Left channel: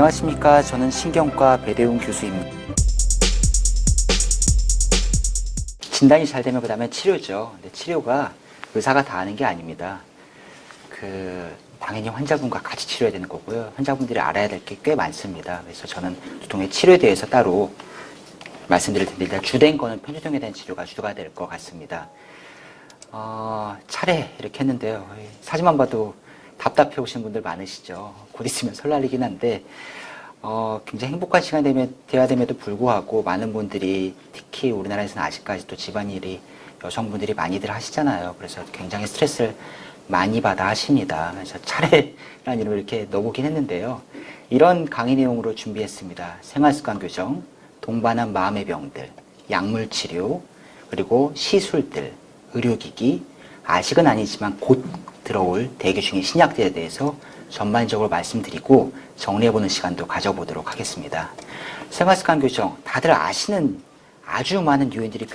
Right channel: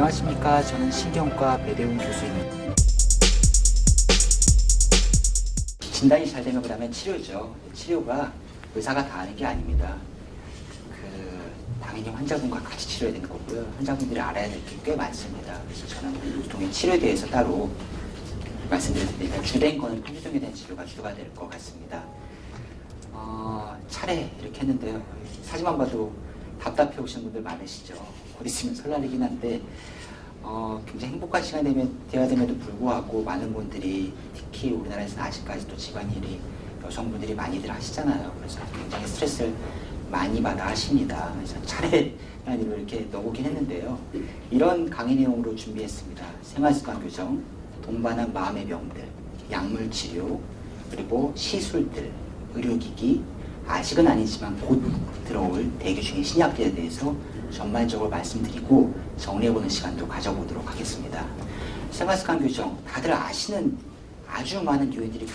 안녕하십니까. 저는 신경과 배대웅 교수입니다. 진단이 잘 되면 그 다음에 치료죠. 근데 치료가 의사가 다 하는 게 아닙니다. 당연히 환자분과 같이 치료해야 되는 거고요. 환자분들이 알아야 될 게 꽤 많습니다. 그래서 저는 두통의 치료에 대해서 따로 말씀드릴 텐데, 일단 주된 거는 편두통에 대한 치료가 주가 될 것 같습니다. 차례 이렇게 했는데요. 사진만 봐도 답답해 오시는 분들 많으시죠. 곧 있으면 설날이긴 한데, 굉장히 행복한 시간이 되어야 됨에도 불구하고 많은 분들이, 특히 우리나라에서는 아직까지도 집안일이 여성분들이 많이들 하시잖아요. 그래서 굉장히 스트레스를 많이 받아 하십니다. 그래서 차례라는 이름을 이렇게 넣어보긴 했는데요. 이런 강의 내용으로 준비했습니다. 생활습관 교정, 동반한 마음의 병들, 약물 치료, 그리고 시술들, 의료기기, 아직은 아니지만 곧 들어올 대기 중의 신약들에 대해서 전반적으로 말씀드리고 정리해보는 시간도 가져보도록 하겠습니다. 생활습관 교정, 다들 아시는 아주 많은 요인들이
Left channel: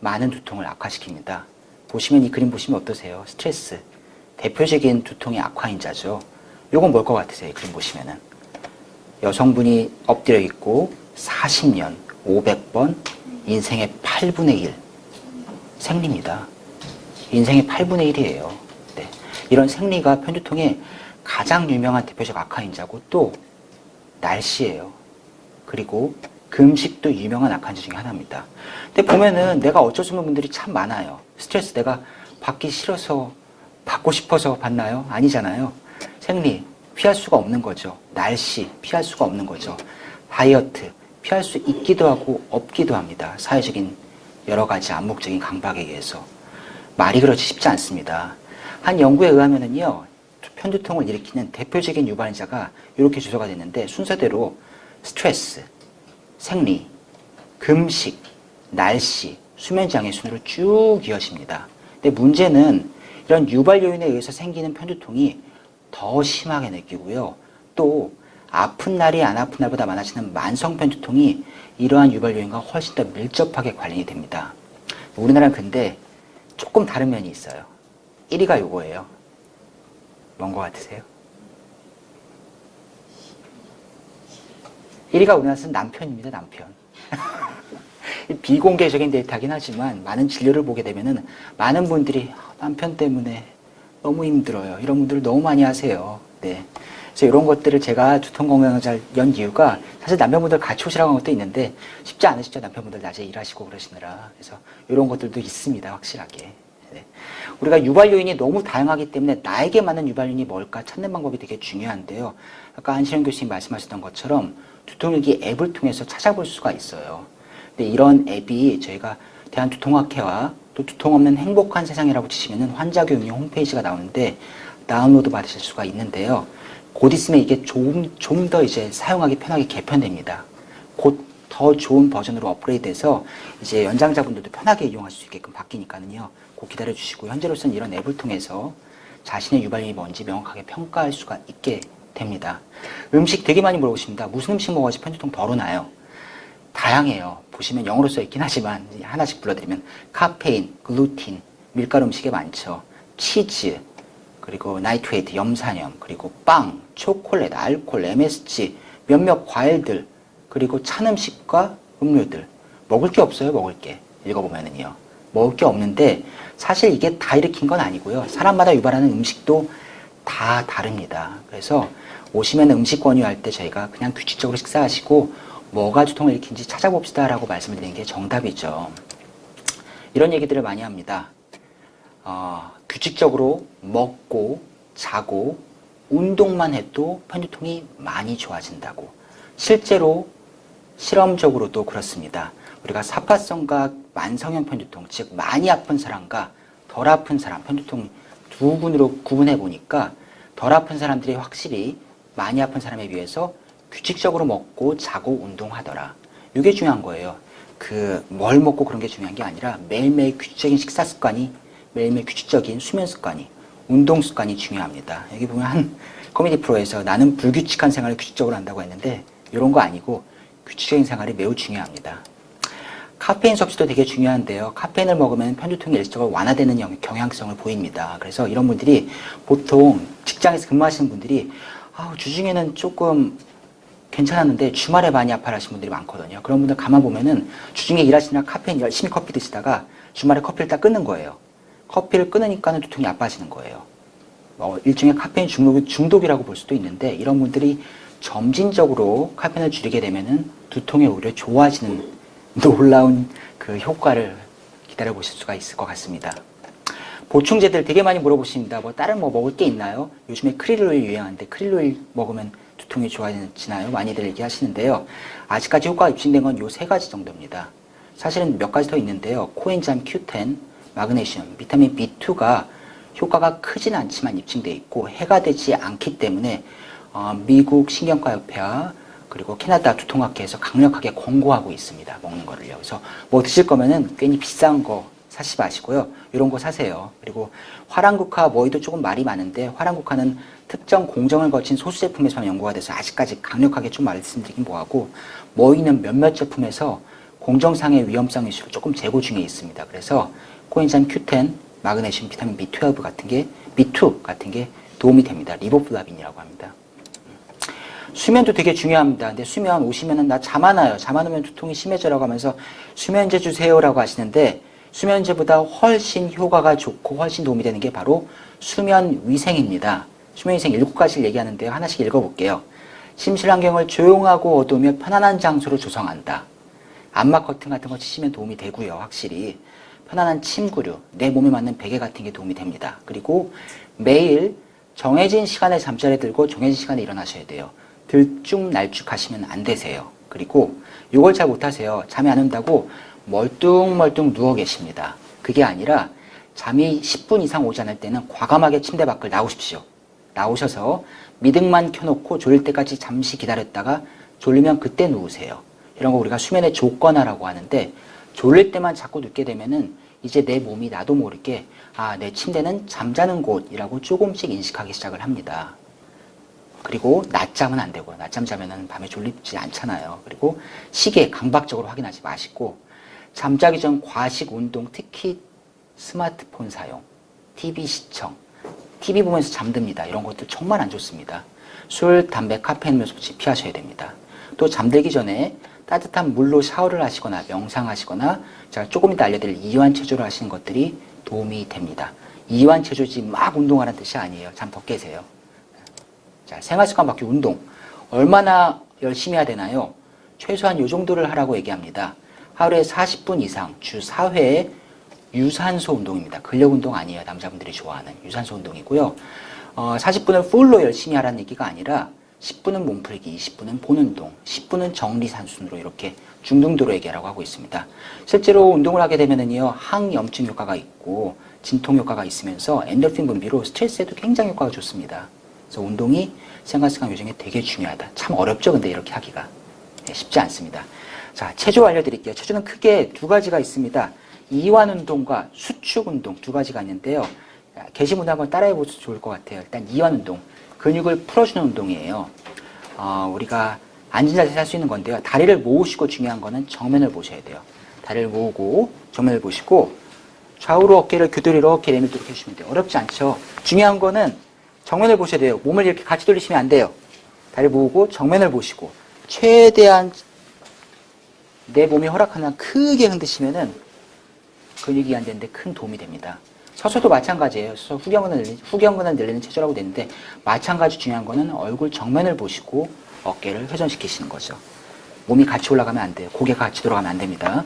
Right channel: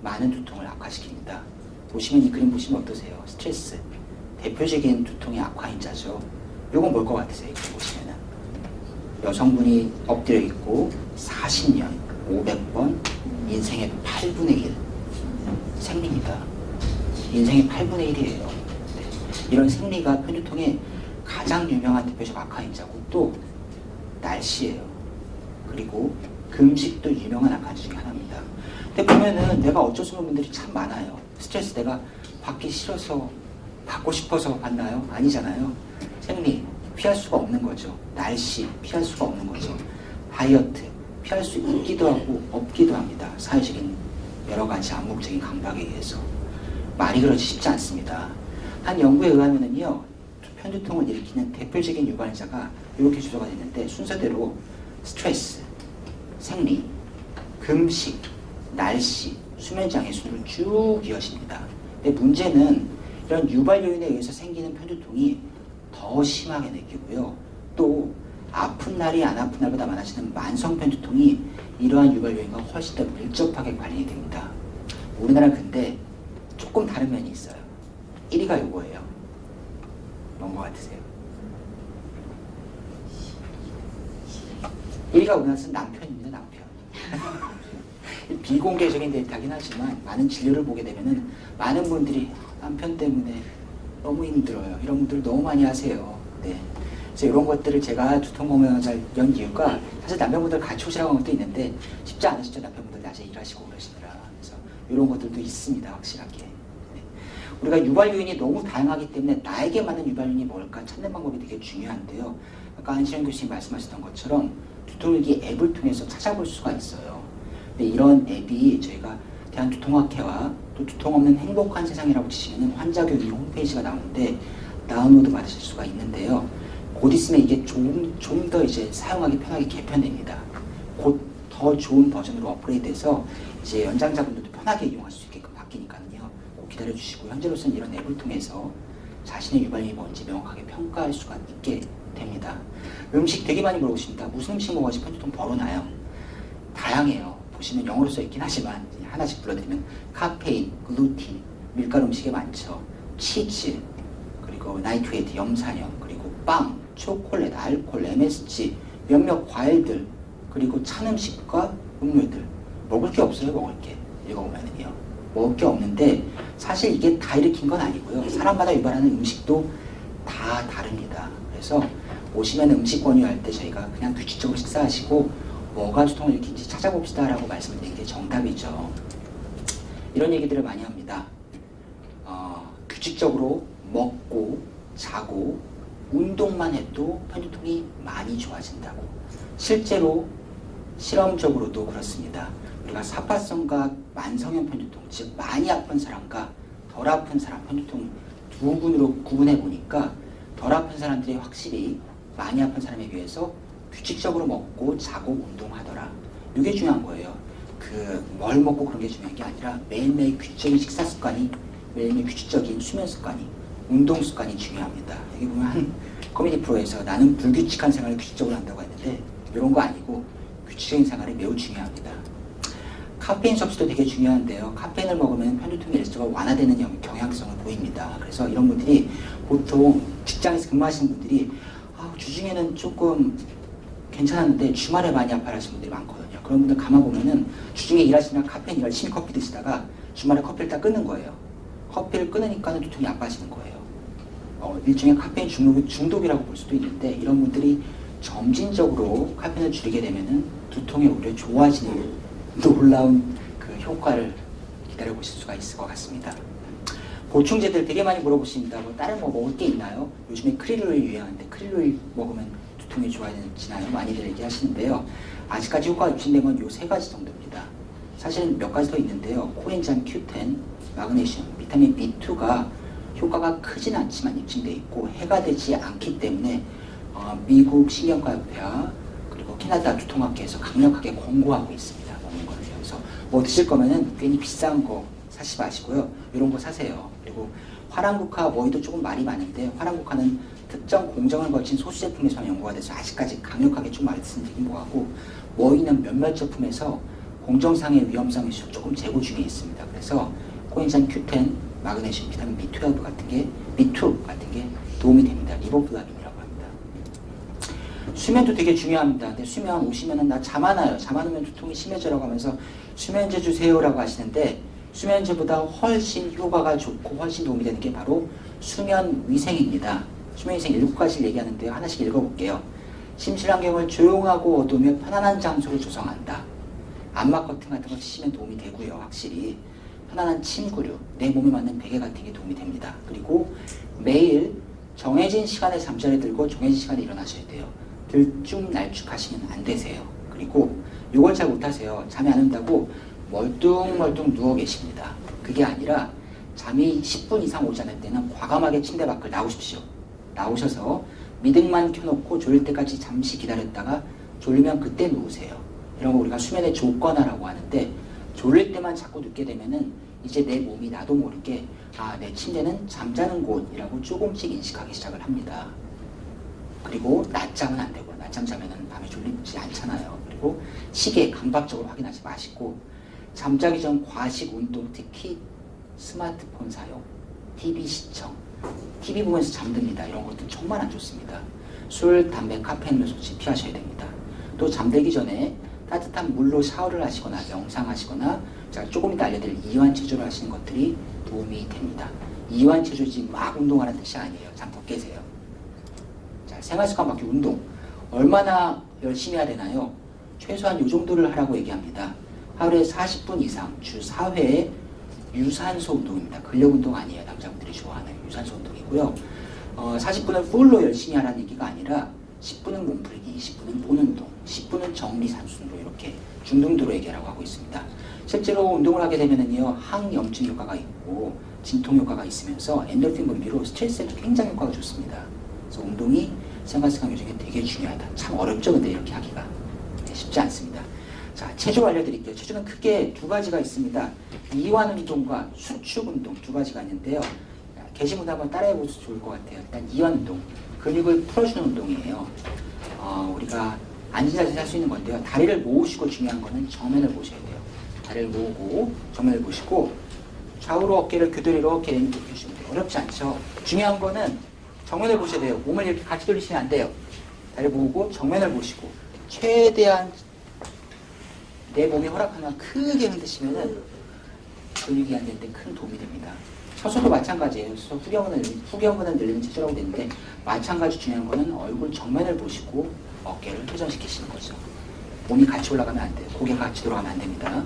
많은 두통을 악화시킵니다. 보시면 이 그림 보시면 어떠세요? 스트레스, 대표적인 두통의 악화인자죠. 요건 뭘 것 같으세요? 이 그림 보시면은 여성분이 엎드려 있고 40년, 500번, 인생의 8분의 1 생리입니다. 인생의 8분의 1이에요. 네. 이런 생리가 편두통의 가장 유명한 대표적 악화인자고, 또 날씨예요. 그리고 금식도 유명한 악화인자 중에 하나입니다. 근데 보면은 내가 어쩔 수 없는 분들이 참 많아요. 스트레스 내가 받기 싫어서, 받고 싶어서 받나요? 아니잖아요. 생리 피할 수가 없는 거죠. 날씨 피할 수가 없는 거죠. 다이어트 피할 수 있기도 하고 없기도 합니다. 사회적인 여러 가지 암묵적인 강박에 의해서. 말이 그렇지 쉽지 않습니다. 한 연구에 의하면은요, 편두통을 일으키는 대표적인 유발인자가 이렇게 주소가 됐는데, 순서대로 스트레스, 생리, 금식, 날씨, 수면장애 순으로 쭉 이어집니다. 근데 문제는 이런 유발 요인에 의해서 생기는 편두통이 더 심하게 느끼고요. 또 아픈 날이 안 아픈 날보다 많아지는 만성 편두통이 이러한 유발 요인과 훨씬 더 밀접하게 관련이 됩니다. 우리나라는 근데 조금 다른 면이 있어요. 1위가 요거예요. 뭔 거 같으세요? 1위가 우리나라에서는 남편입니다. 남편. 비공개적인 데이터긴 하지만 많은 진료를 보게 되면은 많은 분들이 남편 때문에 너무 힘들어요. 이런 분들 너무 많이 하세요. 네. 그래서 이런 것들을 제가 두통건강의학을 연 이유가, 사실 남편분들 같이 오시라고 한 것도 있는데 쉽지 않으시죠. 남편분들 낮에 일하시고 그러시느라. 그래서 이런 것들도 있습니다. 확실하게. 네. 우리가 유발 요인이 너무 다양하기 때문에 나에게 맞는 유발 요인이 뭘까 찾는 방법이 되게 중요한데요. 아까 안시영 교수님 말씀하셨던 것처럼 두통일기 앱을 통해서 찾아볼 수가 있어요. 근데 이런 앱이 저희가 대한두통학회와 또 두통 없는 행복한 세상이라고 치시면은 환자 교육용 홈페이지가 나오는데 다운로드 받으실 수가 있는데요. 곧 있으면 이게 좀 더 이제 사용하기 편하게 개편됩니다. 곧 더 좋은 버전으로 업그레이드해서 이제 연장자분들도 편하게 이용할 수 있게끔 바뀌니까는요. 꼭 기다려 주시고, 현재로서는 이런 앱을 통해서 자신의 유발염이 뭔지 명확하게 평가할 수가 있게 됩니다. 음식 되게 많이 물어보십니다. 무슨 음식 먹어야지 편두통 덜 오나요? 다양해요. 보시면 영어로 써 있긴 하지만 하나씩 불러드리면 카페인, 글루틴, 밀가루 음식에 많죠. 치즈, 그리고 나이트레이트, 염산염, 그리고 빵, 초콜릿, 알코올, MSG, 몇몇 과일들, 그리고 찬 음식과 음료들. 먹을 게 없어요. 먹을 게. 읽어보면은요. 먹을 게 없는데 사실 이게 다 일으킨 건 아니고요. 사람마다 유발하는 음식도 다 다릅니다. 그래서 오시면 음식 권유할 때 저희가 그냥 규칙적으로 식사하시고 뭐가 두통을 일으킨지 찾아봅시다 라고 말씀을 드리는 게 정답이죠. 이런 얘기들을 많이 합니다. 규칙적으로 먹고 자고 운동만 해도 편두통이 많이 좋아진다고. 실제로 실험적으로도 그렇습니다. 우리가 사파성과 만성형 편두통, 즉 많이 아픈 사람과 덜 아픈 사람, 편두통 두 군으로 구분해 보니까 덜 아픈 사람들이 확실히 많이 아픈 사람에 비해서 규칙적으로 먹고 자고 운동하더라. 이게 중요한 거예요. 뭘 먹고 그런 게 중요한 게 아니라 매일매일 규칙적인 식사 습관이, 매일매일 규칙적인 수면 습관이, 운동 습관이 중요합니다. 여기 보면 한 코미디 프로에서 나는 불규칙한 생활을 규칙적으로 한다고 했는데 이런 거 아니고 규칙적인 생활이 매우 중요합니다. 카페인 섭취도 되게 중요한데요. 카페인을 먹으면 편두통이 일시적으로 완화되는 경향성을 보입니다. 그래서 이런 분들이 보통 직장에서 근무하시는 분들이 주중에는 조금 괜찮았는데 주말에 많이 아파하시는 분들이 많거든요. 그런 분들 가만 보면은 주중에 일하시느라 카페인 열심히 커피 드시다가 주말에 커피를 딱 끊는 거예요. 커피를 끊으니까는 두통이 아파지는 거예요. 일종의 카페인 중독이라고 볼 수도 있는데, 이런 분들이 점진적으로 카페인을 줄이게 되면은 두통이 오히려 좋아지는 놀라운 그 효과를 기다려 보실 수가 있을 것 같습니다. 보충제들 되게 많이 물어보십니다. 다른 뭐 먹을 게 있나요? 요즘에 크릴 오일 유행하는데 크릴 오일 먹으면 두통이 좋아지나요? 많이들 얘기하시는데요. 아직까지 효과가 입증된 건 요 세 가지 정도입니다. 사실은 몇 가지 더 있는데요. 코엔자임 Q10, 마그네슘, 비타민 B2가 효과가 크진 않지만 입증돼 있고 해가 되지 않기 때문에 미국 신경과협회와 그리고 캐나다 두통학회에서 강력하게 권고하고 있습니다. 먹는 거를요. 그래서 뭐 드실 거면은 괜히 비싼 거 사지 마시고요. 이런 거 사세요. 그리고 화랑국화 뭐이도 조금 말이 많은데, 화랑국화는 특정 공정을 거친 소수 제품에서만 연구가 돼서 아직까지 강력하게 좀 말씀드리긴 뭐하고, 뭐이는 몇몇 제품에서 공정상의 위험성 이슈로 조금 재고 중에 있습니다. 그래서 코엔자임 Q10, 마그네슘, 비타민 B2 같은 게 도움이 됩니다. 리보플라빈이라고 합니다. 수면도 되게 중요합니다. 근데 수면 오시면은 나 잠 안 와요. 잠 안 오면 두통이 심해져라고 하면서 수면제 주세요라고 하시는데, 수면제보다 훨씬 효과가 좋고 훨씬 도움이 되는 게 바로 수면위생입니다. 수면위생 7가지를 얘기하는데요. 하나씩 읽어볼게요. 침실 환경을 조용하고 어두우며 편안한 장소로 조성한다. 암막 커튼 같은 거 치시면 도움이 되고요. 확실히 편안한 침구류, 내 몸에 맞는 베개 같은 게 도움이 됩니다. 그리고 매일 정해진 시간에 잠자리에 들고 정해진 시간에 일어나셔야 돼요. 들쭉날쭉 하시면 안 되세요. 그리고 이걸 잘 못하세요. 잠이 안 온다고 멀뚱멀뚱 누워 계십니다. 그게 아니라 잠이 10분 이상 오지 않을 때는 과감하게 침대 밖을 나오십시오. 나오셔서 미등만 켜놓고 졸릴 때까지 잠시 기다렸다가 졸리면 그때 누우세요. 이런 거 우리가 수면의 조건화라고 하는데, 졸릴 때만 자꾸 눕게 되면은 이제 내 몸이 나도 모르게 내 침대는 잠자는 곳이라고 조금씩 인식하기 시작을 합니다. 그리고 낮잠은 안 되고요. 낮잠 자면은 밤에 졸리지 않잖아요. 그리고 시계 강박적으로 확인하지 마시고, 잠자기 전 과식 운동, 특히 스마트폰 사용, TV 시청, TV 보면서 잠듭니다. 이런 것도 정말 안 좋습니다. 술, 담배, 카페인 섭취 피하셔야 됩니다. 또 잠들기 전에 따뜻한 물로 샤워를 하시거나 명상하시거나, 제가 조금 이따 알려드릴 이완체조를 하시는 것들이 도움이 됩니다. 이완체조지 막 운동하라는 뜻이 아니에요. 잠 더 깨세요. 자, 생활습관 바퀴 운동 얼마나 열심히 해야 되나요? 최소한 이 정도를 하라고 얘기합니다. 하루에 40분 이상 주 4회 유산소 운동입니다. 근력 운동 아니에요. 남자분들이 좋아하는 유산소 운동이고요. 40분을 풀로 열심히 하라는 얘기가 아니라 10분은 몸풀기, 20분은 본운동, 10분은 정리산순으로 이렇게 중등도로 얘기하라고 하고 있습니다. 실제로 운동을 하게 되면은요, 항염증 효과가 있고 진통 효과가 있으면서 엔돌핀 분비로 스트레스에도 굉장히 효과가 좋습니다. 그래서 운동이 생활습관 요즘에 되게 중요하다. 참 어렵죠, 근데 이렇게 하기가. 쉽지 않습니다. 자, 체조 알려드릴게요. 체조는 크게 두 가지가 있습니다. 이완 운동과 수축 운동 두 가지가 있는데요. 게시문 한번 따라해 보셔도 좋을 것 같아요. 일단 이완 운동, 근육을 풀어주는 운동이에요. 우리가 앉은 자세에서 할 수 있는 건데요. 다리를 모으시고, 중요한 거는 정면을 보셔야 돼요. 다리를 모으고 정면을 보시고 좌우로 어깨를 교대로 이렇게 내밀도록 해주시면 돼요. 어렵지 않죠? 중요한 거는 정면을 보셔야 돼요. 몸을 이렇게 같이 돌리시면 안 돼요. 다리를 모으고 정면을 보시고 최대한 내 몸이 허락하는 한 크게 흔드시면은 근육이 안 되는데 큰 도움이 됩니다. 서서도 마찬가지예요. 서서 후경근을 늘리는 체조라고 되는데, 마찬가지 중요한 거는 얼굴 정면을 보시고 어깨를 회전시키시는 거죠. 몸이 같이 올라가면 안 돼요. 고개가 같이 돌아가면 안 됩니다.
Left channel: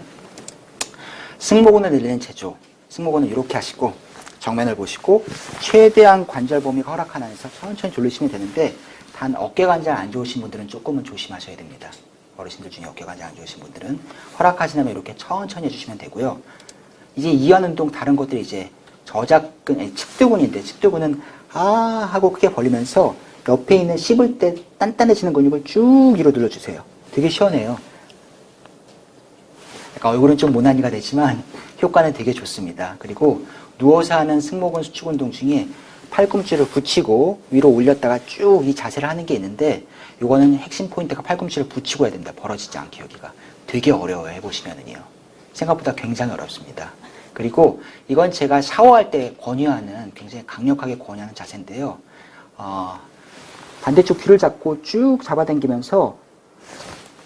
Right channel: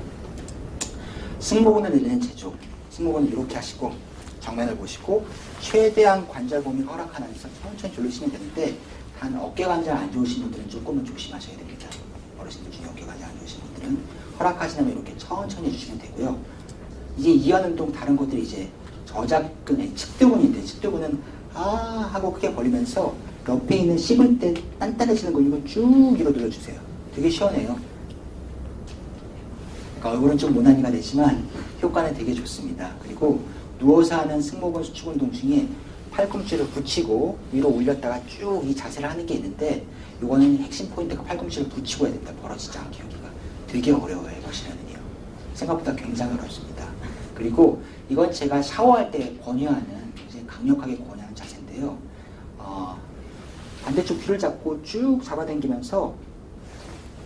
승모근을 늘리는 체조. 승모근을 이렇게 하시고 정면을 보시고 최대한 관절 범위가 허락하는 한에서 천천히 돌리시면 되는데, 단 어깨 관절 안 좋으신 분들은 조금은 조심하셔야 됩니다. 어르신들 중에 어깨 관절 안 좋으신 분들은 허락하시면 이렇게 천천히 해주시면 되고요. 이제 이완 운동 다른 것들이 이제 저작근, 측두근인데, 측두근은 하고 크게 벌리면서 옆에 있는 씹을 때 단단해지는 근육을 쭉 위로 눌러주세요. 되게 시원해요. 그러니까 얼굴은 좀 모나니가 되지만 효과는 되게 좋습니다. 그리고 누워서 하는 승모근 수축 운동 중에 팔꿈치를 붙이고 위로 올렸다가 쭉 이 자세를 하는 게 있는데, 요거는 핵심 포인트가 팔꿈치를 붙이고 해야 된다. 벌어지지 않게. 여기가 되게 어려워요. 해보시면은요. 생각보다 굉장히 어렵습니다. 그리고 이건 제가 샤워할 때 권유하는, 굉장히 강력하게 권유하는 자세인데요. 반대쪽 귀를 잡고 쭉 잡아당기면서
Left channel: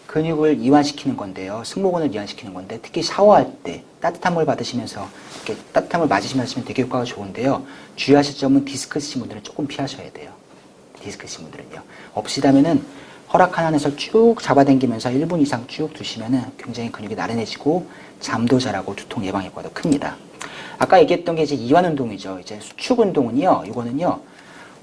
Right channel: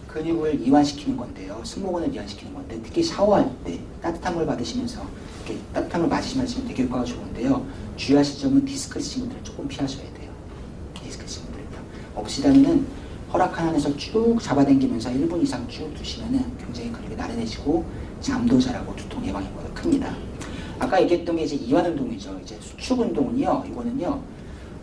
근육을 이완시키는 건데요. 승모근을 이완시키는 건데 특히 샤워할 때 따뜻한 물 받으시면서 이렇게 따뜻한 물 맞으시면서 하시면 되게 효과가 좋은데요. 주의하실 점은 디스크 있으신 분들은 조금 피하셔야 돼요. 디스크 있으신 분들은요. 없으시다면은 허락 한에서 쭉 잡아당기면서 1분 이상 쭉 두시면은 굉장히 근육이 나른해지고 잠도 잘하고 두통 예방 효과도 큽니다. 아까 얘기했던 게 이제 이완 운동이죠. 이제 수축 운동은요. 이거는요.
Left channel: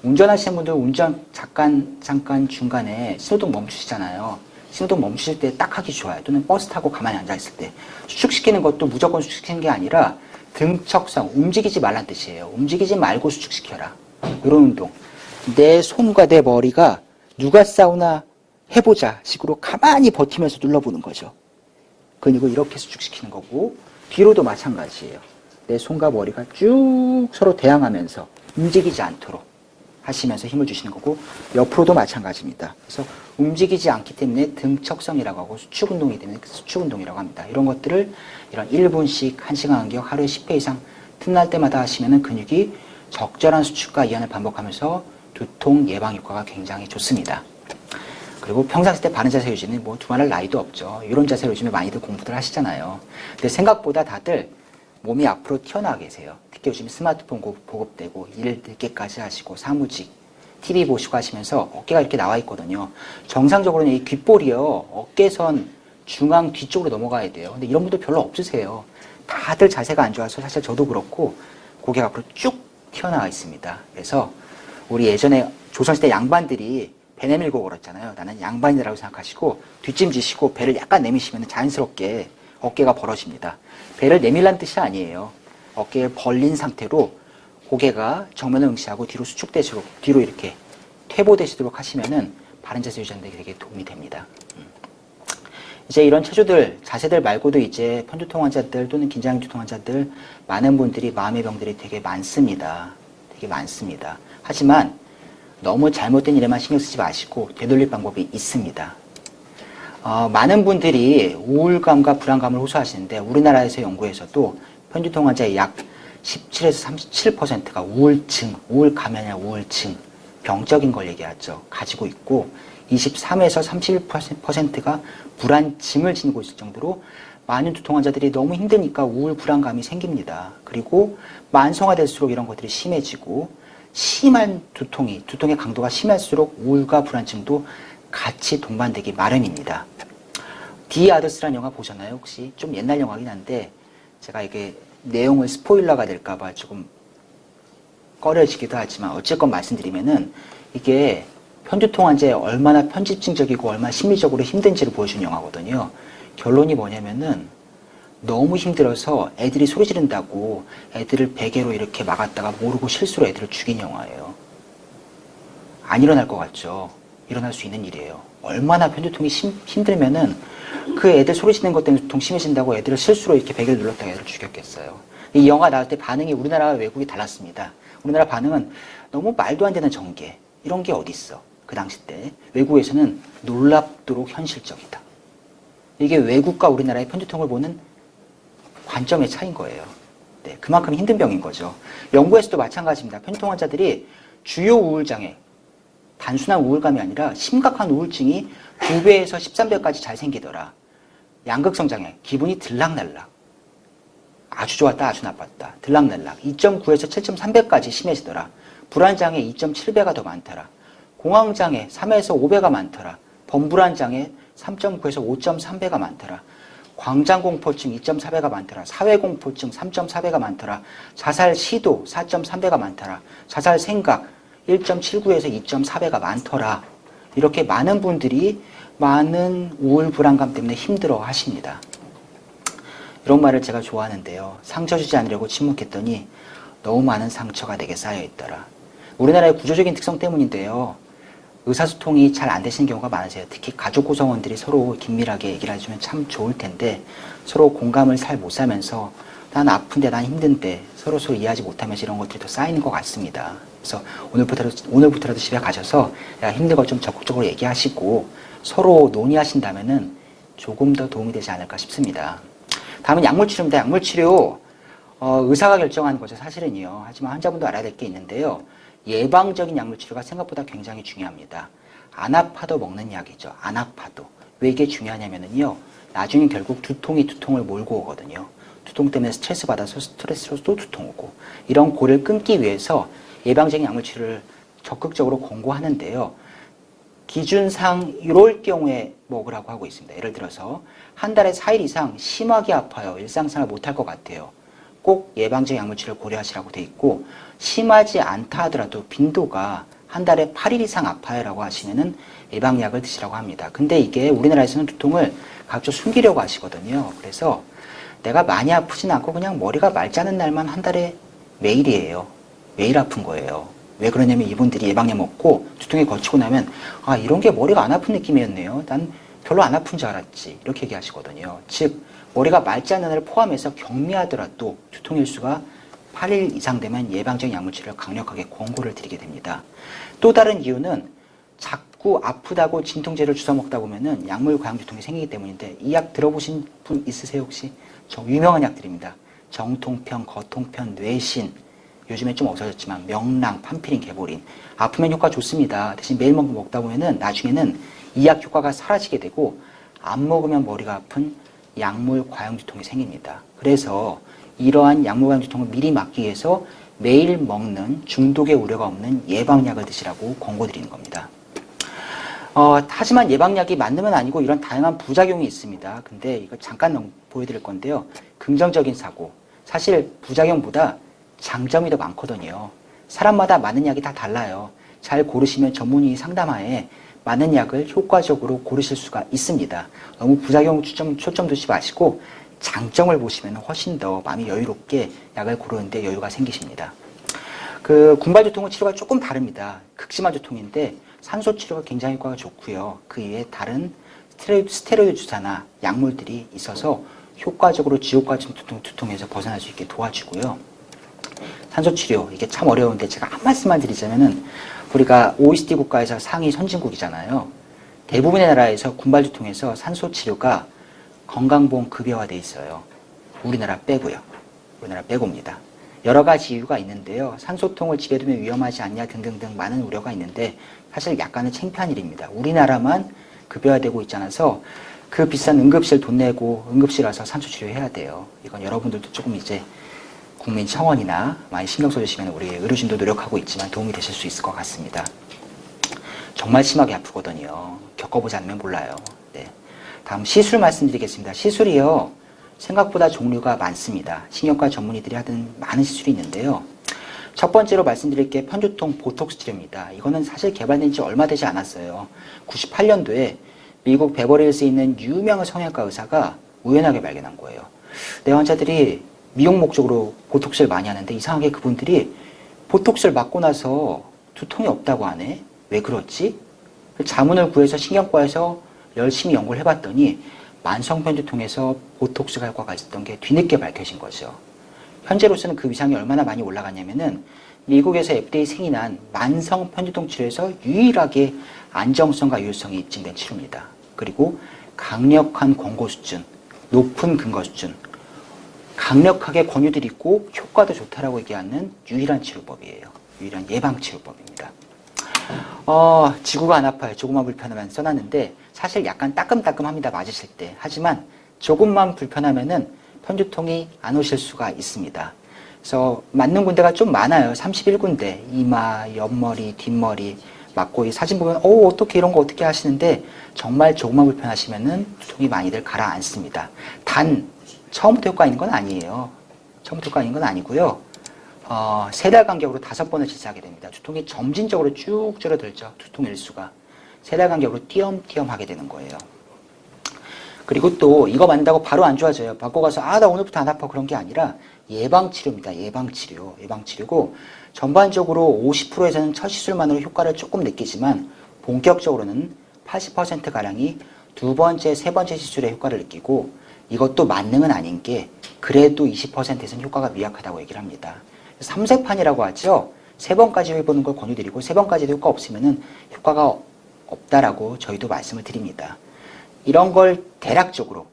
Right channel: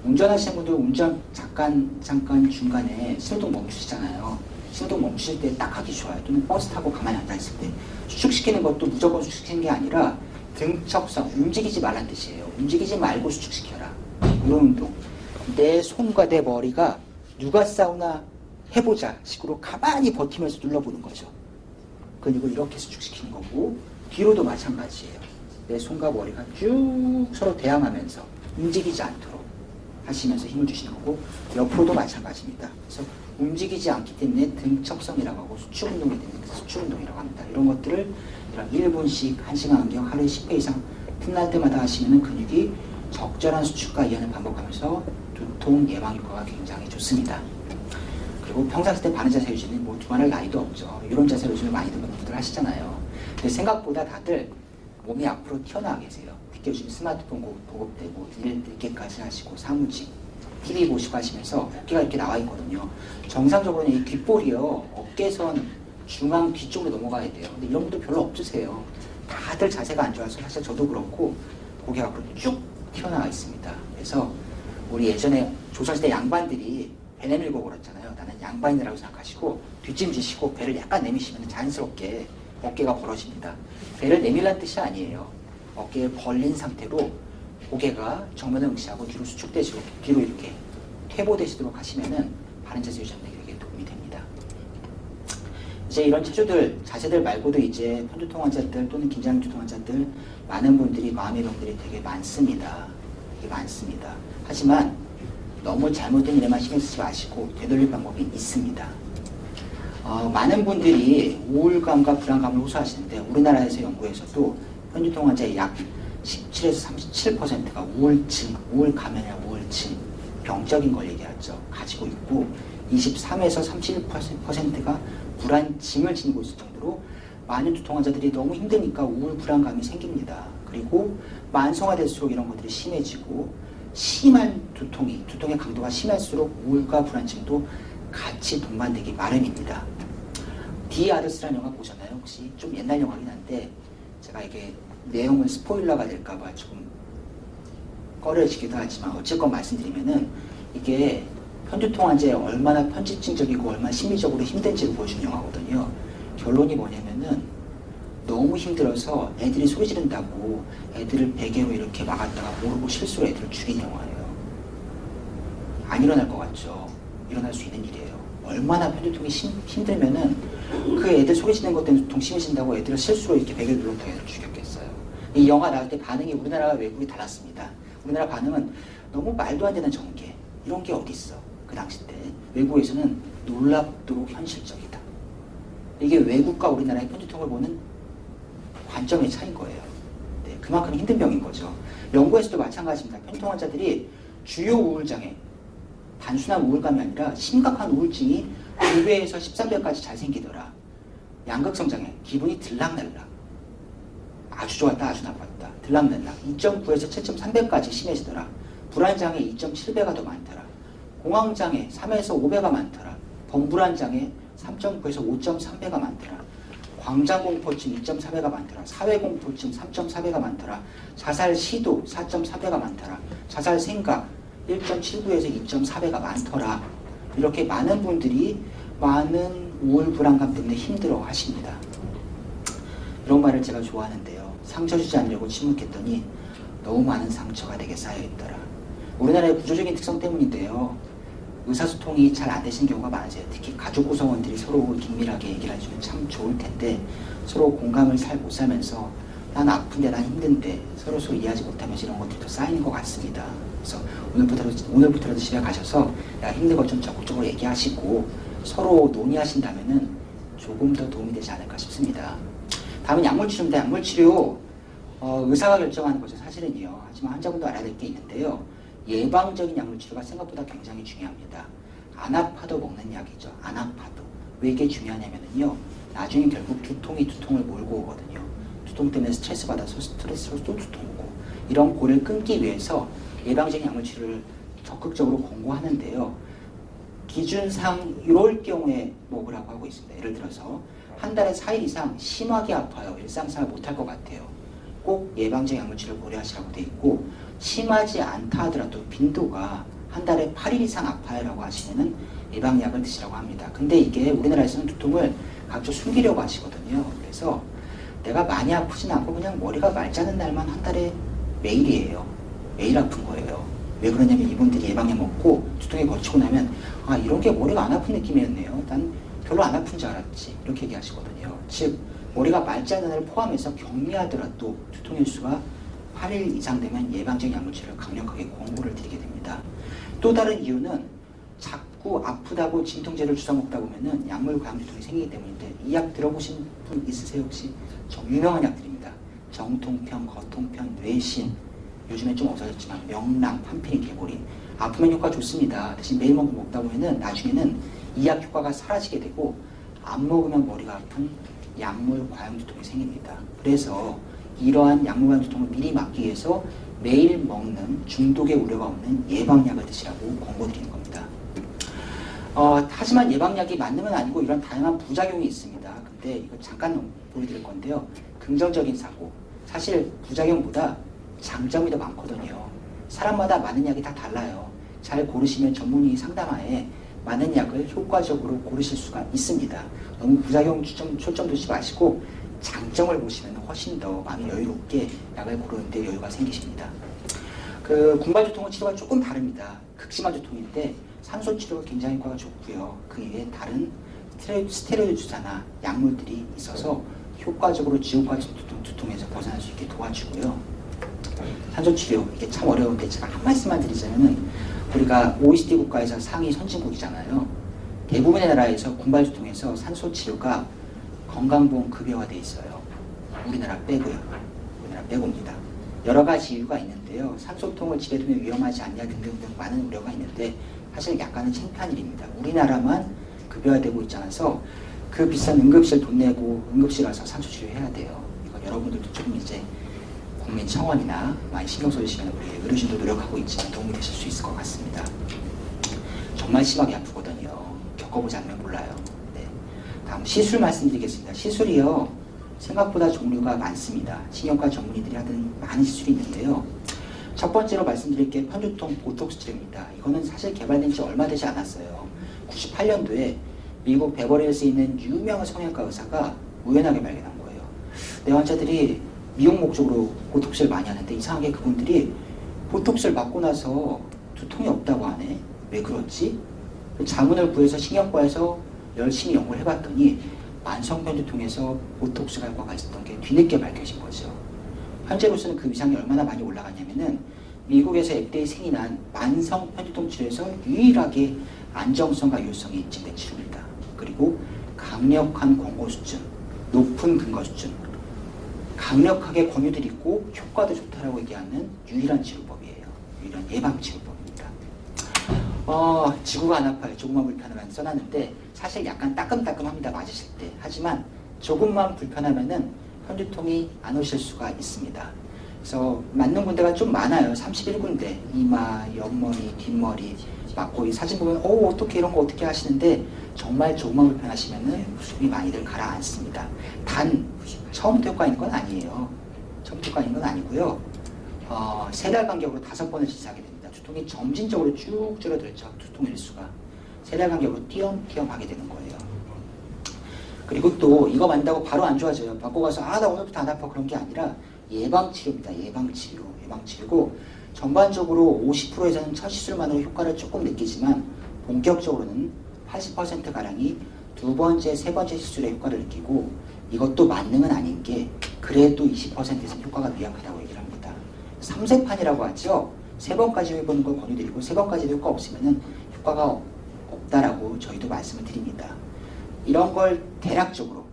운전하시는 분들 운전 잠깐 중간에 신호등 멈추시잖아요. 신호등 멈추실 때 딱 하기 좋아요. 또는 버스 타고 가만히 앉아있을 때. 수축시키는 것도 무조건 수축시키는 게 아니라 등척성, 움직이지 말란 뜻이에요. 움직이지 말고 수축시켜라. 이런 운동. 내 손과 내 머리가 누가 싸우나 해보자 식으로 가만히 버티면서 눌러보는 거죠. 근육을 이렇게 수축시키는 거고 뒤로도 마찬가지예요. 내 손과 머리가 쭉 서로 대항하면서 움직이지 않도록 하시면서 힘을 주시는 거고 옆으로도 마찬가지입니다. 그래서 움직이지 않기 때문에 등척성이라고 하고 수축 운동이기 때문에 수축 운동이라고 합니다. 이런 것들을 이런 1분씩 1시간 간격 하루에 10회 이상 틈날 때마다 하시면 근육이 적절한 수축과 이완을 반복하면서 두통 예방 효과가 굉장히 좋습니다. 그리고 평상시 때 바른 자세 유지는 뭐 두말할 나이도 없죠. 이런 자세로 요즘에 많이들 공부들 하시잖아요. 근데 생각보다 다들 몸이 앞으로 튀어나와 계세요. 특히 요즘 스마트폰 보급되고 일 늦게까지 하시고 사무직, TV 보시고 하시면서 어깨가 이렇게 나와 있거든요. 정상적으로는 이 귓볼이요. 어깨선 중앙 뒤쪽으로 넘어가야 돼요. 근데 이런 분들 별로 없으세요. 다들 자세가 안 좋아서 사실 저도 그렇고 고개가 앞으로 쭉 튀어나와 있습니다. 그래서 우리 예전에 조선시대 양반들이 배 내밀고 걸었잖아요. 나는 양반이라고 생각하시고 뒷짐지시고 배를 약간 내미시면 자연스럽게 어깨가 벌어집니다. 배를 내밀란 뜻이 아니에요. 어깨를 벌린 상태로 고개가 정면을 응시하고 뒤로 수축되도록 뒤로 이렇게 퇴보되시도록 하시면은 바른 자세 유지하는 데 되게 도움이 됩니다. 이제 이런 체조들, 자세들 말고도 이제 편두통 환자들 또는 긴장두통 환자들 많은 분들이 마음의 병들이 되게 많습니다. 되게 많습니다. 하지만 너무 잘못된 일에만 신경 쓰지 마시고 되돌릴 방법이 있습니다. 많은 분들이 우울감과 불안감을 호소하시는데 우리나라에서 연구에서도 편두통 환자의 약 17에서 37%가 우울증, 우울감이나 우울증, 병적인 걸 얘기하죠. 가지고 있고 23에서 31%가 불안증을 지니고 있을 정도로 많은 두통 환자들이 너무 힘드니까 우울, 불안감이 생깁니다. 그리고 만성화될수록 이런 것들이 심해지고 심한 두통의 강도가 심할수록 우울과 불안증도 같이 동반되기 마련입니다. 디 아더스라는 영화 보셨나요? 혹시? 좀 옛날 영화긴 한데 제가 이게 내용을 스포일러가 될까봐 조금 꺼려지기도 하지만 어쨌건 말씀드리면은 이게 편두통 환자에 얼마나 편집증적이고 얼마나 심리적으로 힘든지를 보여주는 영화거든요. 결론이 뭐냐면은 너무 힘들어서 애들이 소리 지른다고 애들을 베개로 이렇게 막았다가 모르고 실수로 애들을 죽인 영화예요. 안 일어날 것 같죠? 일어날 수 있는 일이에요. 얼마나 편두통이 힘들면은 그 애들 소리 지르는 것 때문에 두통 심해진다고 애들을 실수로 이렇게 베개를 눌렀다가 애들을 죽였겠어요. 이 영화 나올 때 반응이 우리나라와 외국이 달랐습니다. 우리나라 반응은 너무 말도 안 되는 전개 이런 게 어디 있어? 그 당시 때 외국에서는 놀랍도록 현실적이다. 이게 외국과 우리나라의 편두통을 보는 관점의 차이인 거예요. 네, 그만큼 힘든 병인 거죠. 영국에서도 마찬가지입니다. 편두통 환자들이 주요 우울장애, 단순한 우울감이 아니라 심각한 우울증이 2배에서 13배까지 잘 생기더라. 양극성 장애, 기분이 들락날락. 아주 좋았다, 아주 나빴다. 들락날락. 2.9에서 7.3배까지 심해지더라. 불안장애 2.7배가 더 많더라. 공황장애 3에서 5배가 많더라. 범불안장애 3.9에서 5.3배가 많더라. 광장공포증 2.4배가 많더라. 사회공포증 3.4배가 많더라. 자살 시도 4.3배가 많더라. 자살 생각 1.79에서 2.4배가 많더라. 이렇게 많은 분들이 많은 우울, 불안감 때문에 힘들어 하십니다. 이런 말을 제가 좋아하는데요. 상처 주지 않으려고 침묵했더니 너무 많은 상처가 내게 쌓여있더라. 우리나라의 구조적인 특성 때문인데요. 의사소통이 잘 안 되시는 경우가 많으세요. 특히 가족 구성원들이 서로 긴밀하게 얘기를 해주면 참 좋을 텐데 서로 공감을 잘 못 사면서 난 아픈데 난 힘든데 서로 이해하지 못하면서 이런 것들이 더 쌓이는 것 같습니다. 그래서 오늘부터라도 집에 가셔서 야, 힘든 거 좀 적극적으로 얘기하시고 서로 논의하신다면은 조금 더 도움이 되지 않을까 싶습니다. 다음은 약물치료입니다. 약물치료 의사가 결정하는 거죠. 사실은요. 하지만 환자분도 알아야 될 게 있는데요. 예방적인 약물 치료가 생각보다 굉장히 중요합니다. 안 아파도 먹는 약이죠. 안 아파도. 왜 이게 중요하냐면요. 나중에 결국 두통이 두통을 몰고 오거든요. 두통 때문에 스트레스 받아서 스트레스로 또 두통 오고. 이런 고를 끊기 위해서 예방적인 약물 치료를 적극적으로 권고하는데요. 기준상 이럴 경우에 먹으라고 하고 있습니다. 예를 들어서 한 달에 4일 이상 심하게 아파요. 일상생활 못할 것 같아요. 꼭 예방적인 약물 치료를 고려하시라고 돼 있고, 심하지 않다 하더라도 빈도가 한 달에 8일 이상 아파요라고 하시면은 예방약을 드시라고 합니다. 근데 이게 우리나라에서는 두통을 각종 숨기려고 하시거든요. 그래서 내가 많이 아프진 않고 그냥 머리가 맑지 않은 날만 한 달에 매일이에요. 매일 아픈 거예요. 왜 그러냐면 이분들이 예방약 먹고 두통이 거치고 나면 아, 이런 게 머리가 안 아픈 느낌이었네요. 난 별로 안 아픈 줄 알았지. 이렇게 얘기하시거든요. 즉 머리가 맑지 않은 날을 포함해서 경미하더라도 두통 일수가 8일 이상 되면 예방적인 약물 치료를 강력하게 권고를 드리게 됩니다. 또 다른 이유는 자꾸 아프다고 진통제를 주워 먹다 보면은 약물 과형 두통이 생기기 때문인데, 이 약 들어보신 분 있으세요 혹시? 유명한 약들입니다. 정통편, 거통편, 뇌신, 요즘엔 좀 없어졌지만 명랑, 판피린, 개보린. 아프면 효과 좋습니다. 대신 매일 먹다 보면은 나중에는 이 약 효과가 사라지게 되고 안 먹으면 머리가 아픈 약물 과형 두통이 생깁니다. 그래서 이러한 약물 과형 두통을 미리 막기 위해서 매일 먹는 중독의 우려가 없는 예방약을 드시라고 권고드리는 겁니다. 하지만 예방약이 맞는 아니고 이런 다양한 부작용이 있습니다. 근데 이거 잠깐 보여드릴 건데요. 긍정적인 사고. 사실 부작용보다 장점이 더 많거든요. 사람마다 맞는 약이 다 달라요. 잘 고르시면 전문의 상담하에 맞는 약을 효과적으로 고르실 수가 있습니다. 너무 부작용 초점 두지 마시고 장점을 보시면 훨씬 더 마음이 여유롭게 약을 고르는데 여유가 생기십니다. 군발 두통은 치료가 조금 다릅니다. 극심한 두통인데 산소 치료가 굉장히 효과가 좋고요. 그 이외에 다른 스테로이드 주사나 약물들이 있어서 효과적으로 지옥 같은 두통에서 벗어날 수 있게 도와주고요. 산소 치료, 이게 참 어려운데 제가 한 말씀만 드리자면은, 우리가 OECD 국가에서 상위 선진국이잖아요. 대부분의 나라에서 군발 두통에서 산소 치료가 건강보험 급여화돼 있어요. 우리나라 빼고요. 우리나라 빼고입니다. 여러 가지 이유가 있는데요. 산소통을 집에 두면 위험하지 않냐 등등등 많은 우려가 있는데 사실 약간은 창피한 일입니다. 우리나라만 급여화되고 있지 않아서 그 비싼 응급실 돈 내고 응급실 와서 산소 치료해야 돼요. 이건 여러분들도 조금 이제 국민청원이나 많이 신경 써주시면 우리 의료진도 노력하고 있지만 도움이 되실 수 있을 것 같습니다. 정말 심하게 아프거든요. 겪어보지 않으면 몰라요. 네. 다음 시술 말씀드리겠습니다. 시술이요, 생각보다 종류가 많습니다. 신경과 전문의들이 하던 많은 시술이 있는데요. 첫 번째로 말씀드릴 게 편두통 보톡스 치료입니다. 이거는 사실 개발된 지 얼마 되지 않았어요. 98년도에 미국 베버리힐스에 있는 유명한 성형외과 의사가 우연하게 발견한 거예요. 내 환자들이 미용 목적으로 보톡스를 많이 하는데 이상하게 그분들이 보톡스를 맞고 나서 두통이 없다고 하네. 왜 그렇지? 자문을 구해서 신경과에서 열심히 연구를 해봤더니 만성편 두통에서 보톡스 효과가 있었던 게 뒤늦게 밝혀진 거죠. 현재로서는 그 위상이 얼마나 많이 올라갔냐면은 미국에서 FDA 승인한 만성 편두통 치료에서 유일하게 안정성과 유효성이 입증된 치료입니다. 그리고 강력한 권고 수준, 높은 근거 수준, 강력하게 권유들이 있고 효과도 좋다라고 얘기하는 유일한 치료법이에요. 유일한 예방 치료법입니다. 지구가 안 아파요. 조금만 불편하면 써놨는데 사실 약간 따끔따끔합니다. 맞으실 때. 하지만 조금만 불편하면은 편두통이 안 오실 수가 있습니다. 그래서 맞는 군데가 좀 많아요. 31군데. 이마, 옆머리, 뒷머리 맞고, 이 사진 보면 어떻게 이런 거 어떻게 하시는데 정말 조금만 불편하시면은 두통이 많이들 가라앉습니다. 단 처음부터 효과 있는 건 아니에요. 처음부터 효과 있는 건 아니고요. 3달 간격으로 5번을 실시하게 됩니다. 두통이 점진적으로 쭉 줄어들죠. 두통 일수가 3달 간격으로 띄엄띄엄 하게 되는 거예요. 그리고 또 이거 맞는다고 바로 안 좋아져요. 받고 가서 나 오늘부터 안 아파, 그런 게 아니라 예방치료입니다. 예방치료고 전반적으로 50%에서는 첫 시술만으로 효과를 조금 느끼지만 본격적으로는 80%가량이 두 번째, 세 번째 시술에 효과를 느끼고, 이것도 만능은 아닌 게 그래도 20%에서는 효과가 미약하다고 얘기를 합니다. 3세판이라고 하죠. 3번까지 해보는 걸 권유드리고 3번까지도 효과 없으면은 효과가 없다라고 저희도 말씀을 드립니다. 이런 걸 대략적으로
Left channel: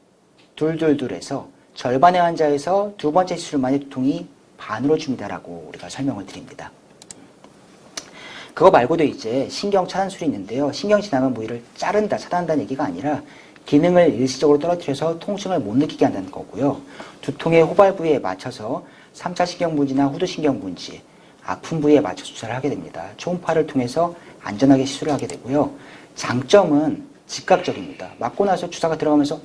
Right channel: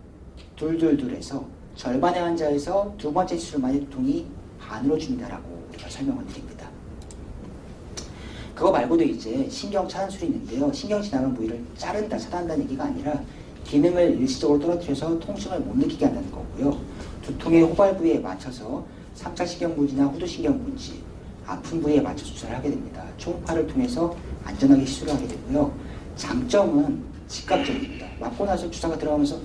둘해서 절반의 환자에서 두 번째 시술만의 두통이 반으로 줍니다라고 우리가 설명을 드립니다. 그거 말고도 이제 신경 차단술이 있는데요. 신경 지나간 부위를 자른다, 차단한다는 얘기가 아니라 기능을 일시적으로 떨어뜨려서 통증을 못 느끼게 한다는 거고요. 두통의 호발 부위에 맞춰서 3차 신경분지나 후두신경분지, 아픈 부위에 맞춰 주사를 하게 됩니다. 초음파를 통해서 안전하게 시술을 하게 되고요. 장점은 즉각적입니다. 맞고 나서 주사가 들어가면서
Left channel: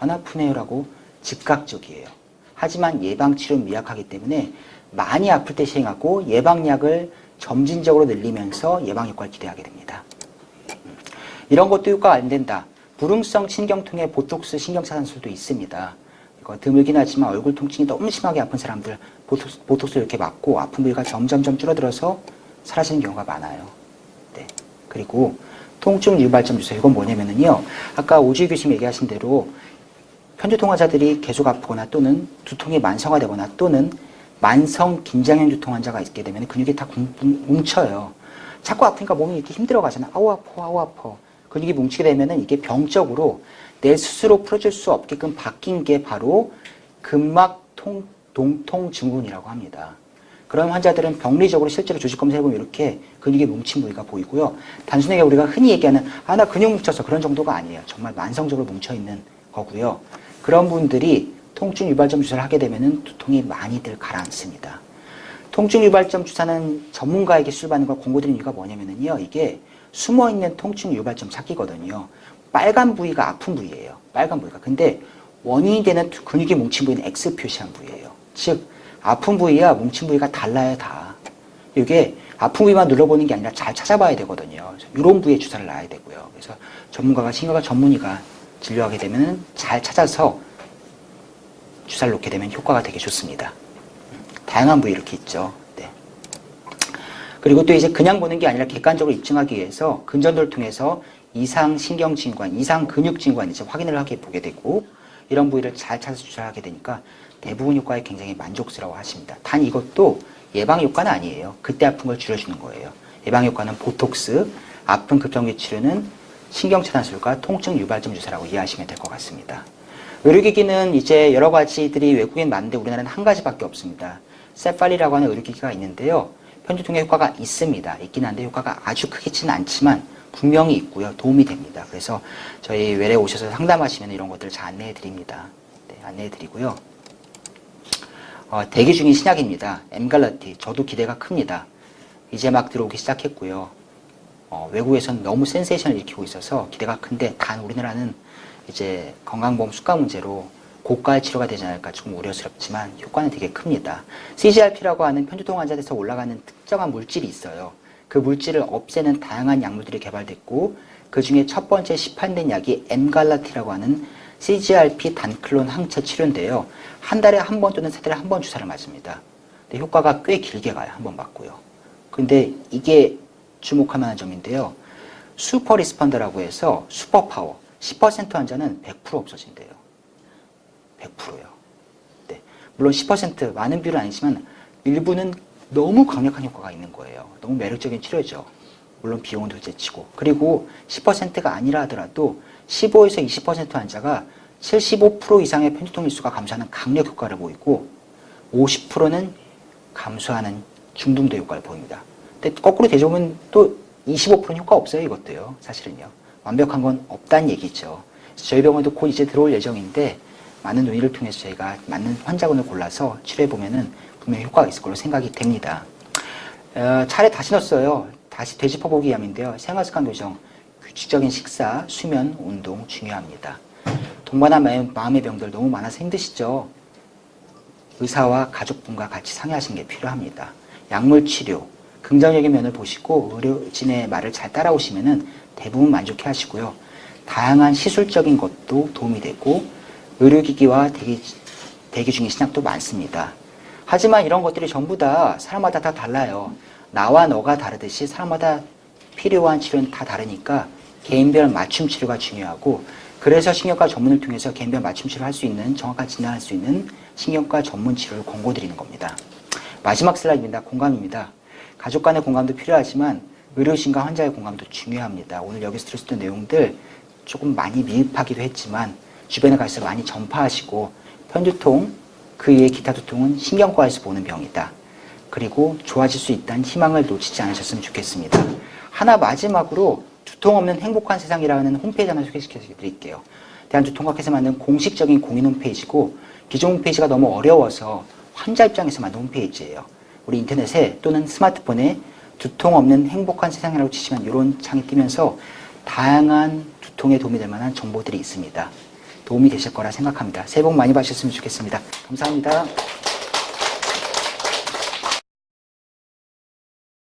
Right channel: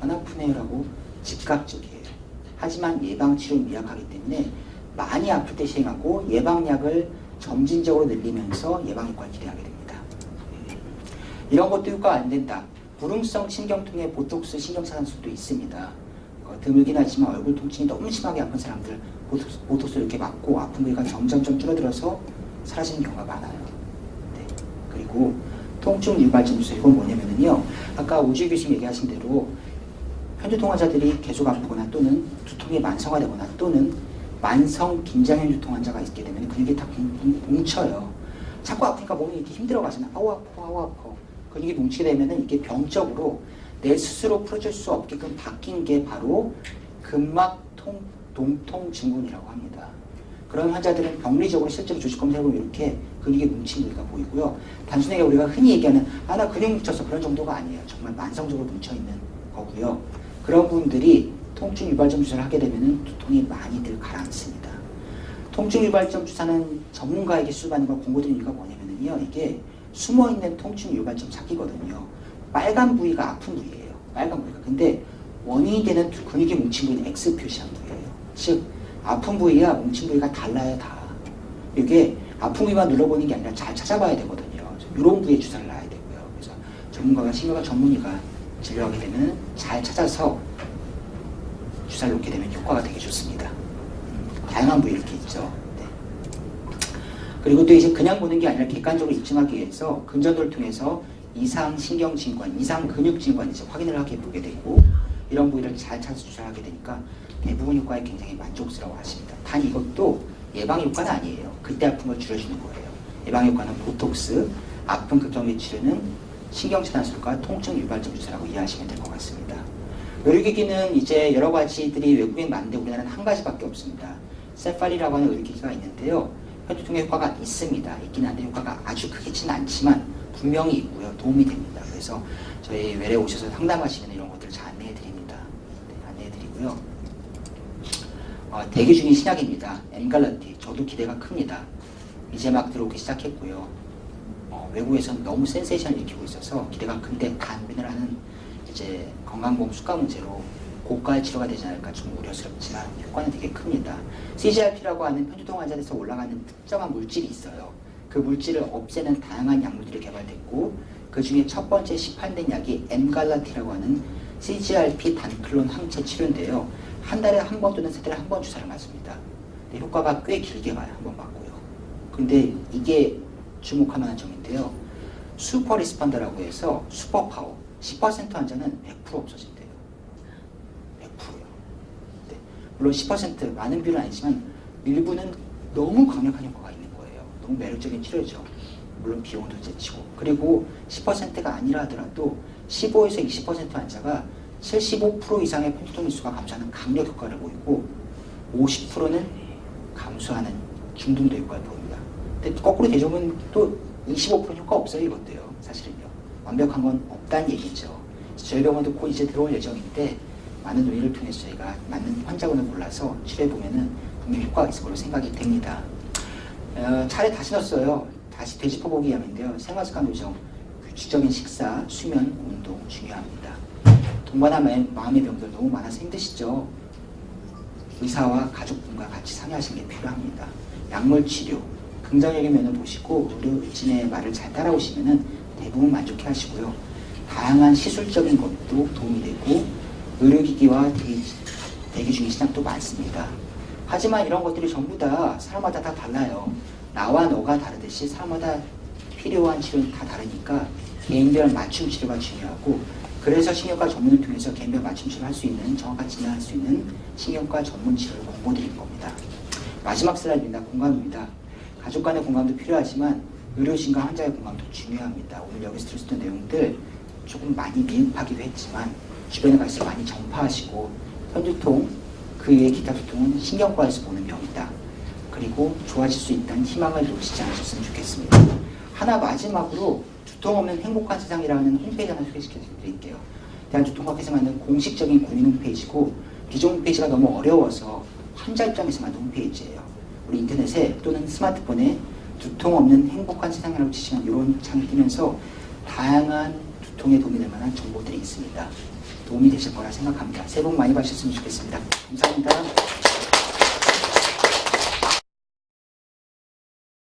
안 아프네요 라고 즉각적이에요. 하지만 예방치료는 미약하기 때문에 많이 아플 때 시행하고 예방약을 점진적으로 늘리면서 예방효과를 기대하게 됩니다. 이런 것도 효과가 안 된다. 불응성 신경통의 보톡스 신경차단술도 있습니다. 이거 드물긴 하지만 얼굴 통증이 너무 심하게 아픈 사람들 보톡스를 이렇게 맞고 아픈 부위가 점점점 줄어들어서 사라지는 경우가 많아요. 네. 그리고 통증 유발점 주사, 이건 뭐냐면요. 아까 오주희 교수님 얘기하신 대로 편두통 환자들이 계속 아프거나 또는 두통이 만성화되거나 또는 만성 긴장형 두통 환자가 있게 되면 근육이 다 뭉쳐요. 자꾸 아프니까 몸이 이렇게 힘들어 가잖아. 아우 아파, 아우 아파. 근육이 뭉치게 되면은 이게 병적으로 내 스스로 풀어줄 수 없게끔 바뀐 게 바로 근막통 동통 증후군이라고 합니다. 그런 환자들은 병리적으로 실제로 조직 검사해보면 이렇게 근육이 뭉친 부위가 보이고요. 단순하게 우리가 흔히 얘기하는 나 근육 뭉쳐서 그런 정도가 아니에요. 정말 만성적으로 뭉쳐있는 거고요. 그런 분들이 통증 유발점 주사를 하게 되면 두통이 많이들 가라앉습니다. 통증 유발점 주사는 전문가에게 수술받는 걸 권고드리는 이유가 뭐냐면요. 이게 숨어있는 통증 유발점 찾기거든요. 빨간 부위가 아픈 부위예요. 빨간 부위가. 근데 원인이 되는 근육이 뭉친 부위는 X 표시한 부위예요. 즉 아픈 부위와 뭉친 부위가 달라요. 다. 이게 아픈 부위만 눌러보는 게 아니라 잘 찾아봐야 되거든요. 이런 부위에 주사를 놔야 되고요. 그래서 전문가가 신경과 전문의가 진료하게 되면 잘 찾아서 주사를 놓게 되면 효과가 되게 좋습니다. 다양한 부위 이렇게 있죠. 네. 그리고 또 이제 그냥 보는 게 아니라 객관적으로 입증하기 위해서 근전도를 통해서 이상 신경진관, 이상 근육진관 이제 확인을 하게 보게 되고 이런 부위를 잘 찾아서 주사를 하게 되니까 대부분 효과에 굉장히 만족스러워 하십니다. 단 이것도 예방 효과는 아니에요. 그때 아픈 걸 줄여주는 거예요. 예방 효과는 보톡스, 아픈 급성기 치료는 신경차단술과 통증 유발점 주사라고 이해하시면 될 것 같습니다. 의료기기는 이제 여러 가지들이 외국엔 많은데 우리나라는 한 가지밖에 없습니다. 세팔리라고 하는 의료기기가 있는데요. 편두통에 효과가 있습니다. 있긴 한데 효과가 아주 크지는 않지만 분명히 있고요. 도움이 됩니다. 그래서 저희 외래 오셔서 상담하시면 이런 것들을 잘 안내해 드립니다. 네, 안내해 드리고요. 대기 중인 신약입니다. 엠갈라티. 저도 기대가 큽니다. 이제 막 들어오기 시작했고요. 외국에서는 너무 센세이션을 일으키고 있어서 기대가 큰데 단 우리나라는 이제 건강보험 수가 문제로 고가의 치료가 되지 않을까 좀 우려스럽지만 효과는 되게 큽니다. CGRP라고 하는 편두통 환자들에서 올라가는 특정한 물질이 있어요. 그 물질을 없애는 다양한 약물들이 개발됐고 그 중에 첫 번째 시판된 약이 엠갈라티라고 하는 CGRP 단클론 항체 치료인데요. 한 달에 한 번 또는 세 달에 한 번 주사를 맞습니다. 근데 효과가 꽤 길게 가요. 한 번 맞고요. 근데 이게 주목할 만한 점인데요. 슈퍼 리스펀더라고 해서 슈퍼파워 10% 환자는 100% 없어진대요. 100%요. 네. 물론 10% 많은 비율은 아니지만 일부는 너무 강력한 효과가 있는 거예요. 너무 매력적인 치료죠. 물론 비용은 둘째치고. 그리고 10%가 아니라 하더라도 15에서 20% 환자가 75% 이상의 편두통 일수가 감소하는 강력 효과를 보이고 50%는 감소하는 중등도 효과를 보입니다. 근데 거꾸로 대조하면 또 25%는 효과 없어요. 이것도요. 사실은요. 완벽한 건 없다는 얘기죠. 저희 병원도 곧 이제 들어올 예정인데 많은 논의를 통해서 저희가 맞는 환자군을 골라서 치료해보면은 분명히 효과가 있을 걸로 생각이 됩니다. 차례 다시 넣었어요. 다시 되짚어보기 위함인데요. 생활습관 교정, 규칙적인 식사, 수면, 운동 중요합니다. 동반한 마음의 병들 너무 많아서 힘드시죠? 의사와 가족분과 같이 상의하시는 게 필요합니다. 약물 치료, 긍정적인 면을 보시고 의료진의 말을 잘 따라오시면은 대부분 만족해 하시고요. 다양한 시술적인 것도 도움이 되고 의료기기와 대기 중인 신약도 많습니다. 하지만 이런 것들이 전부 다 사람마다 다 달라요. 나와 너가 다르듯이 사람마다 필요한 치료는 다 다르니까 개인별 맞춤 치료가 중요하고 그래서 신경과 전문을 통해서 개인별 맞춤 치료를 할 수 있는 정확한 진단할 수 있는 신경과 전문 치료를 권고드리는 겁니다. 마지막 슬라이드입니다. 공감입니다. 가족 간의 공감도 필요하지만 의료진과 환자의 공감도 중요합니다. 오늘 여기서 들을 수 있는 내용들 조금 많이 미흡하기도 했지만 주변에 가서 많이 전파하시고 편두통, 그 이외의 기타 두통은 신경과에서 보는 병이다. 그리고 좋아질 수 있다는 희망을 놓치지 않으셨으면 좋겠습니다. 하나 마지막으로 두통 없는 행복한 세상이라는 홈페이지 하나 소개시켜 드릴게요. 대한두통학회에서 만든 공식적인 공인 홈페이지고 기존 홈페이지가 너무 어려워서 환자 입장에서 만든 홈페이지예요. 우리 인터넷에 또는 스마트폰에 두통 없는 행복한 세상이라고 치시면 이런 창이 뜨면서 다양한 두통에 도움이 될 만한 정보들이 있습니다. 도움이 되실 거라 생각합니다. 새해 복 많이 받으셨으면 좋겠습니다. 감사합니다.